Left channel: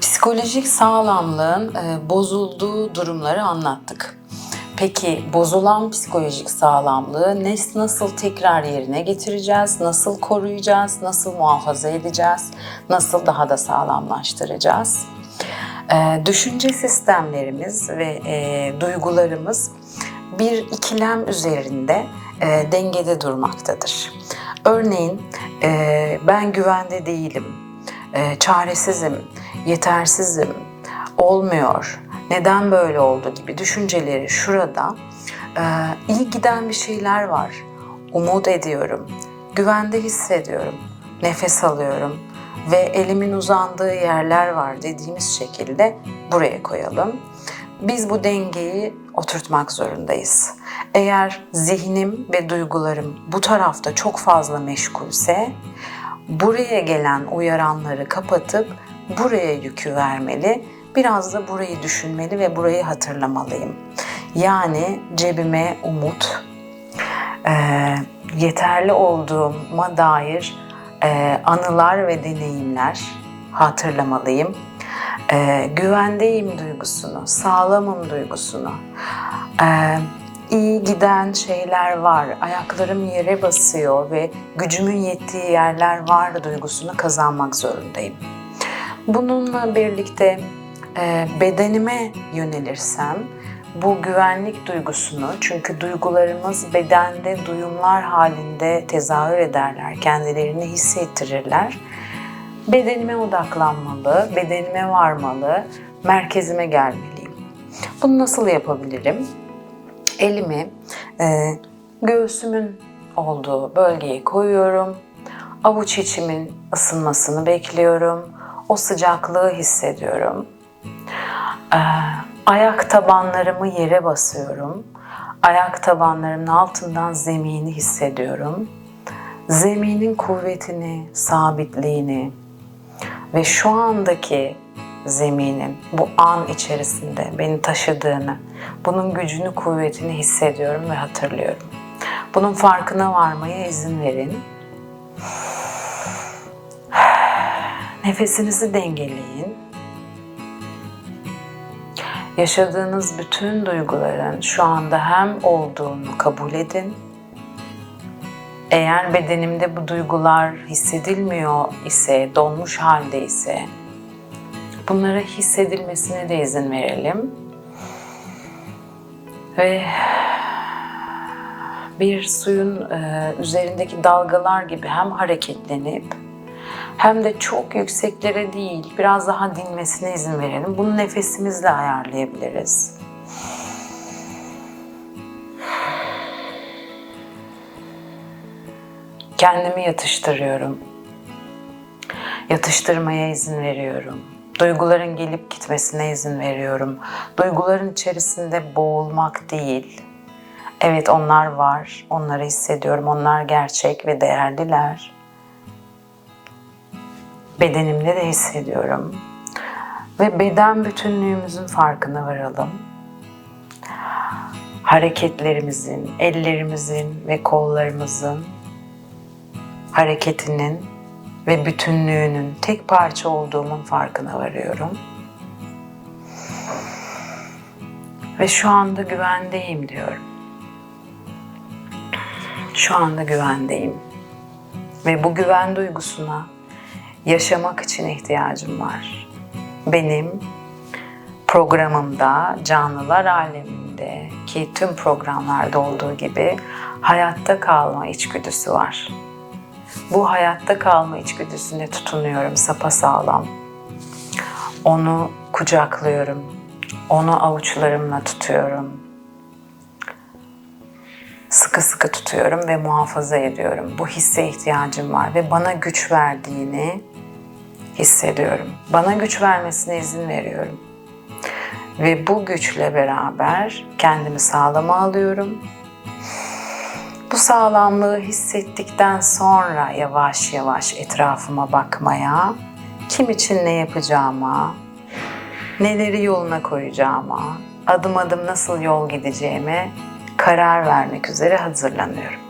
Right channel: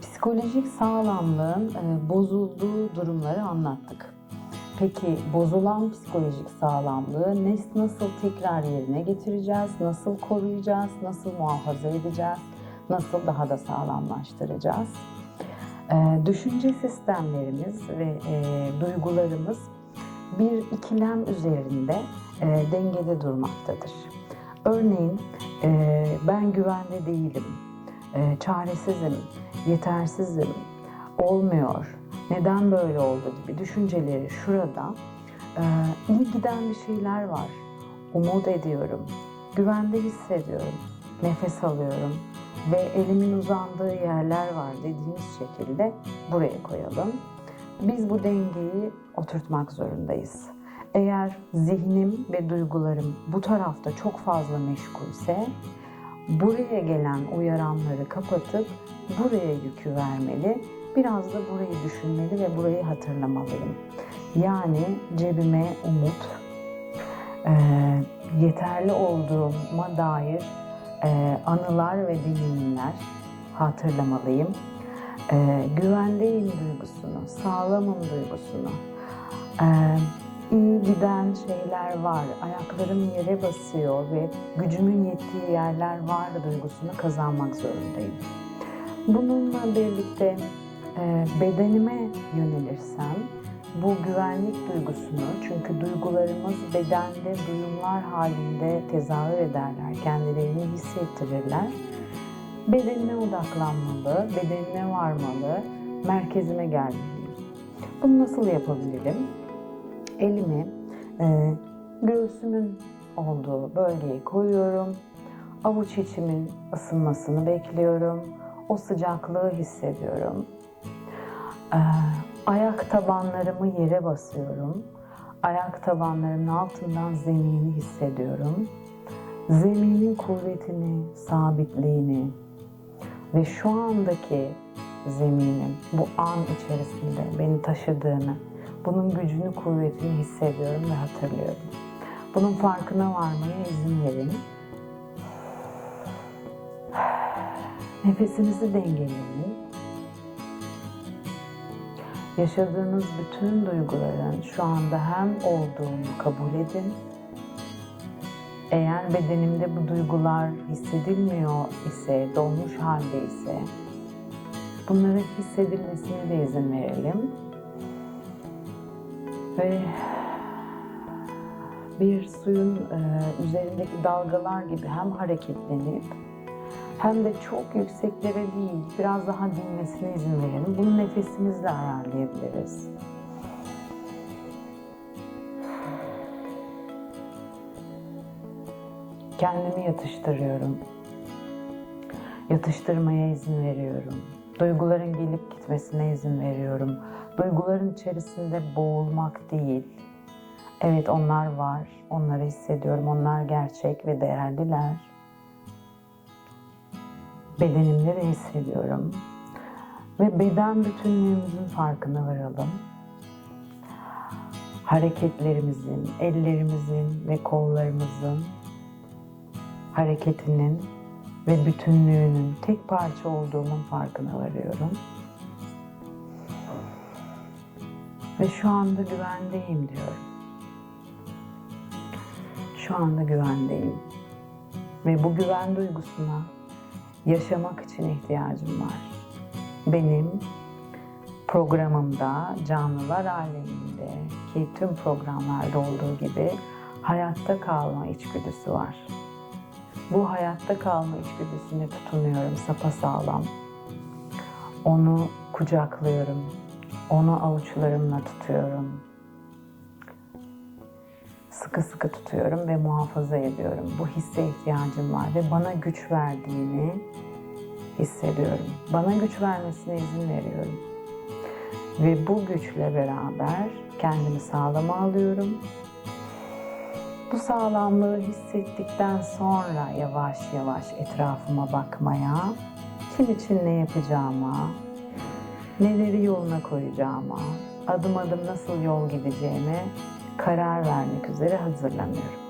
psikolojik sağlamlığın e, bozulduğu durumları anlattık. Peki bozulan psikolojik sağlamlığı ne, nasıl tekrar yerine getireceğiz, nasıl koruyacağız, nasıl muhafaza edeceğiz, nasıl daha da sağlamlaştıracağız? E, düşünce sistemlerimiz ve e, duygularımız bir ikilem üzerinde e, dengede durmaktadır. Örneğin e, ben güvende değilim, e, çaresizim, yetersizim, olmuyor, neden böyle oldu gibi düşünceleri şurada e, iyi giden bir şeyler var, umut ediyorum, güvende hissediyorum, nefes alıyorum ve elimin uzandığı yerler var dediğimiz şekilde buraya koyalım. Biz bu dengeyi oturtmak zorundayız. Eğer zihnim ve duygularım bu tarafta çok fazla meşgulse buraya gelen uyaranları kapatıp buraya yükü vermeli. Biraz da burayı düşünmeli ve burayı hatırlamalıyım. Yani cebime umut, e, yeterli olduğuma dair e, anılar ve deneyimler hatırlamalıyım. E, güvendeyim duygusunu, sağlamım duygusunu, e, iyi giden şeyler var, ayaklarım yere basıyor ve gücümün yettiği yerler var duygusunu kazanmak zorundayım. Bununla birlikte e, bedenime yönelirsem bu güvenlik duygusunu çünkü duygularımız bedende duyumlar halinde tezahür ederler, kendilerini hissettirirler. Bedenime odaklanmalı, bedenime varmalı, merkezime gelmeliyim. Bunu nasıl yapabilirim? Elimi e, göğsümün olduğu bölgeye koyuyorum. Avuç içimin ısınmasını bekliyorum. O sıcaklığı hissediyorum. Ee, ayak tabanlarımı yere basıyorum. Ayak tabanlarımın altından zemini hissediyorum. Zeminin kuvvetini, sabitliğini ve şu andaki zeminin bu an içerisinde beni taşıdığını, bunun gücünü, kuvvetini hissediyorum ve hatırlıyorum. Bunun farkına varmaya izin verin. Nefesinizi dengeleyin. Yaşadığınız bütün duyguların şu anda hem olduğunu kabul edin. Eğer bedenimde bu duygular hissedilmiyor ise, donmuş halde ise bunlara hissedilmesine de izin verelim. Ve bir suyun üzerindeki dalgalar gibi hem hareketlenip hem de çok yükseklere değil, biraz daha dinmesine izin verelim. Bunu nefesimizle ayarlayabiliriz. Kendimi yatıştırıyorum. Yatıştırmaya izin veriyorum. Duyguların gelip gitmesine izin veriyorum. Duyguların içerisinde boğulmak değil. Evet onlar var, onları hissediyorum. Onlar gerçek ve değerliler bedenimde de hissediyorum. Ve beden bütünlüğümüzün farkına varalım. Hareketlerimizin, ellerimizin ve kollarımızın hareketinin ve bütünlüğünün tek parça olduğumun farkına varıyorum. Ve şu anda güvendeyim diyorum. Şu anda güvendeyim. Ve bu güven duygusuna yaşamak için ihtiyacım var. Benim programımda, canlılar aleminde ki tüm programlarda olduğu gibi hayatta kalma içgüdüsü var. Bu hayatta kalma içgüdüsüne tutunuyorum sapasağlam. Onu kucaklıyorum. Onu avuçlarımla tutuyorum. Sıkı sıkı tutuyorum ve muhafaza ediyorum. Bu hisse ihtiyacım var ve bana güç verdiğini hissediyorum. Bana güç vermesine izin veriyorum. Ve bu güçle beraber kendimi sağlama alıyorum. Bu sağlamlığı hissettikten sonra yavaş yavaş etrafıma bakmaya, kim için ne yapacağıma, neleri yoluna koyacağıma, adım adım nasıl yol gideceğime karar vermek üzere hazırlanıyorum.